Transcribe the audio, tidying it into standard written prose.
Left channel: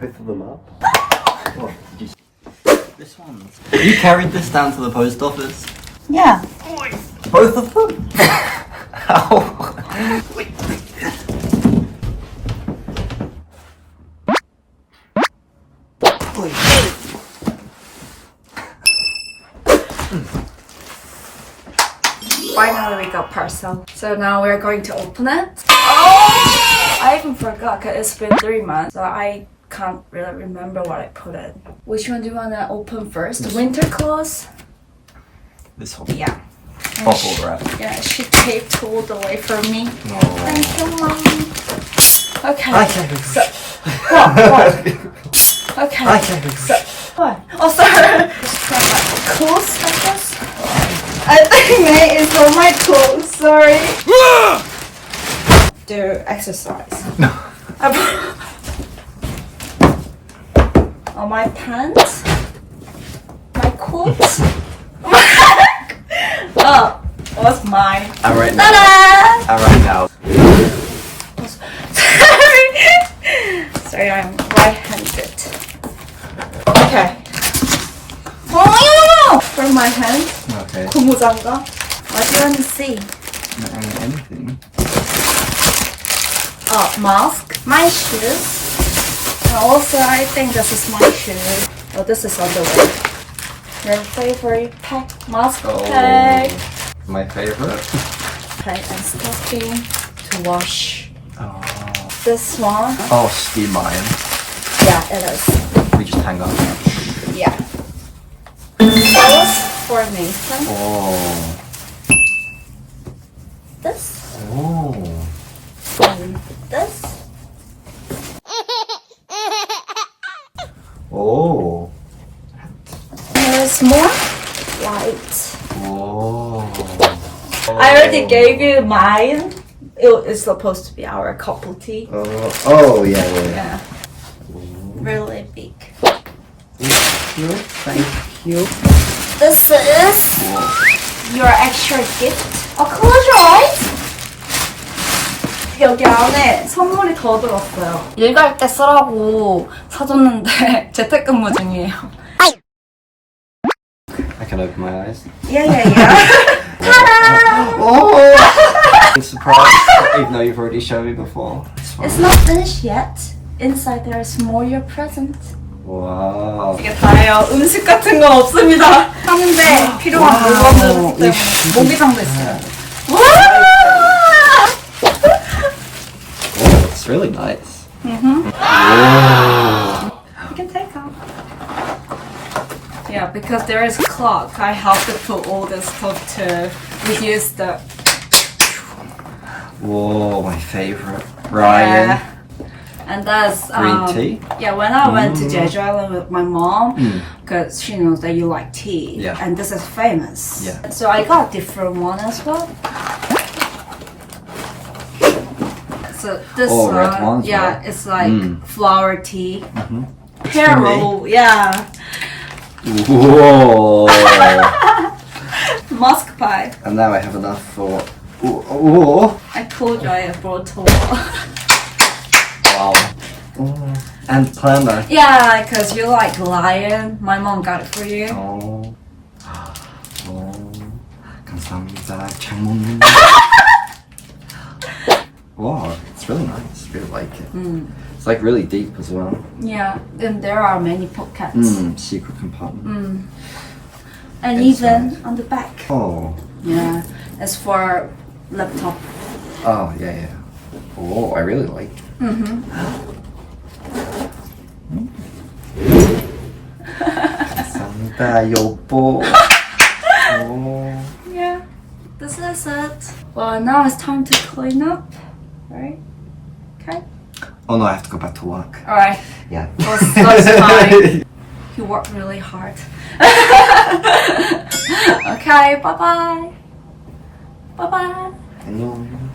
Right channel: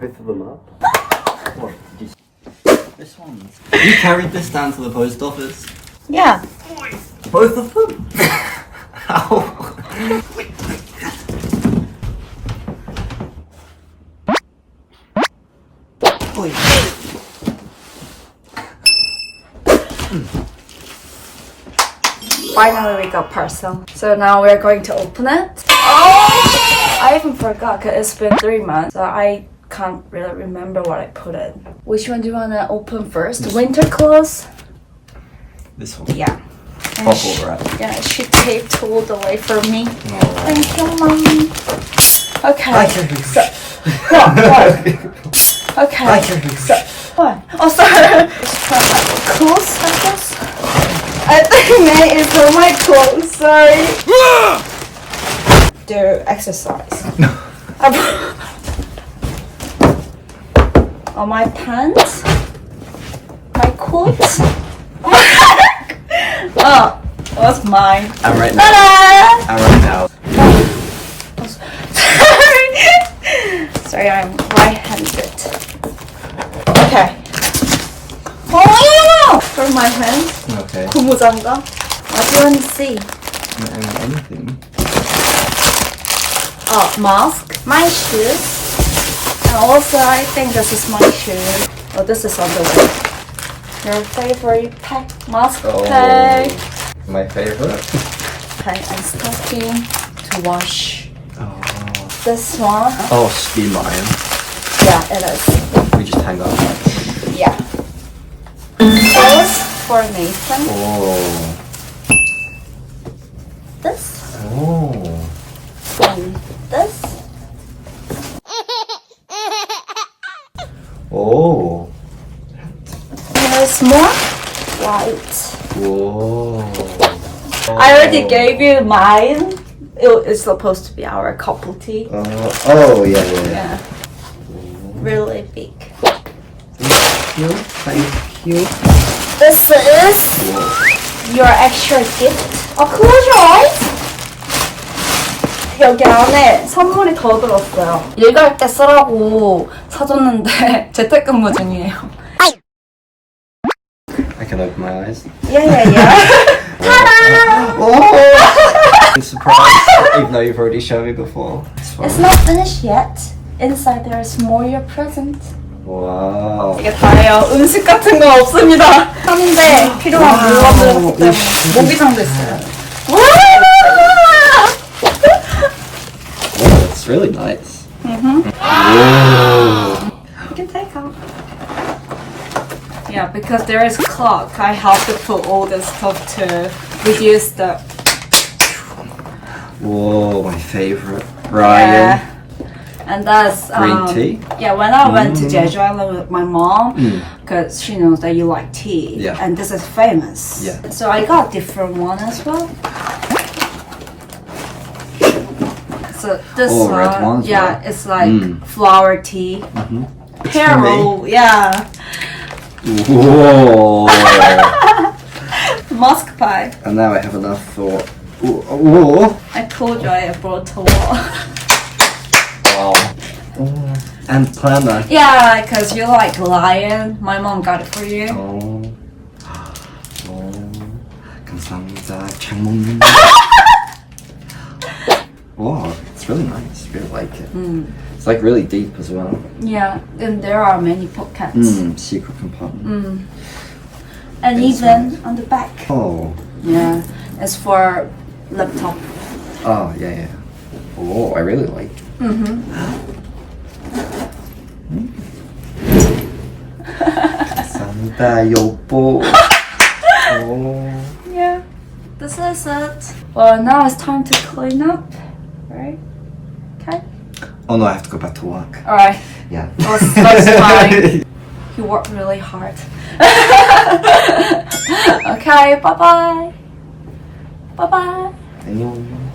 both of them up. What? This one. You carried this down to the post office? Yeah. Both of them? How? Finally we got parcel. So now we're going to open it. Oh! I even forgot because it's been 3 months. So I can't really remember what I put in. Which one do you want to open first? The winter clothes? This one. Yeah. And Bubble wrap. Yeah, she taped all the way for me. Oh. Thank you, Mom. Okay. Okay. So, what? Okay. So, what? Oh, sorry. For my clothes, I guess. I think that is for my clothes. Sorry. Do exercise. Oh, my pants. My coats. Oh, what's mine? I'm right now. Ta-da! I'm right now. Sorry, I'm right-handed. Okay. Oh, yeah! For my hand. Okay. 고무장갑. What do you want to see? Anything. Oh, mask. My shoes. And also, I think this is my shoe. Oh, this is underwear. Your favorite pack, mask pack. My favorite. Okay, and stocking to wash. Oh. This one. Oh, be mine. Yeah, it is. We just hang up. Yeah. This for Nathan. Oh. This. Oh. And this. Oh. There's more white. Whoa. I already gave you mine. It's supposed to be our couple tea. Oh, yeah. Yeah. Really big. Thank you. Thank you. This is your extra gift. Close your eyes. 여기 안에 선물이 더 들었어요. 일갈 때 쓰라고 사줬는데 재택근무 중이에요. I can open my eyes. Yeah. Ta-da! Oh! I'm surprised, even though you've already shown me before. It's not finished yet. Inside there is more your present. Wow. 이게 다예요. 음식 같은 거 없습니다. 하는데 필요한 물건들 때문에 모기장도 있어요. 와! Oh, it's really nice. Mm-hmm. Whoa. You can take out. Yeah, because there is a clock. I have to put all this stuff to reduce the. Whoa, my favorite. Ryan. Yeah. And that's Green tea? Yeah, when I went to Jeju Island with my mom, because she knows that you like tea, Yeah. and this is famous. Yeah. So I got a different one as well. So this Oh, one, red one as yeah, well. it's like flower tea, hair For me? roll, yeah, Whoa. musk pie. And now I have enough for. Ooh. I told you I brought a lot. Wow. And planner. Yeah, because you like lion. My mom got it for you. Oh. 감사합니다. 잘 먹는다. Wow, it's really nice. I really like it. It's like really deep as well. Yeah, and there are many pockets. Secret compartment. And That's even nice. on the back. Oh. Yeah, it's for laptop. Oh, yeah. Oh, I really like it. 감사합니다, 여보. Oh. Yeah, this is it. Well, now it's time to clean up, right? Okay. Oh no, I have to go back to work. All right. Yeah. That's fine. You work really hard. Okay. Bye bye. Bye bye. 안녕.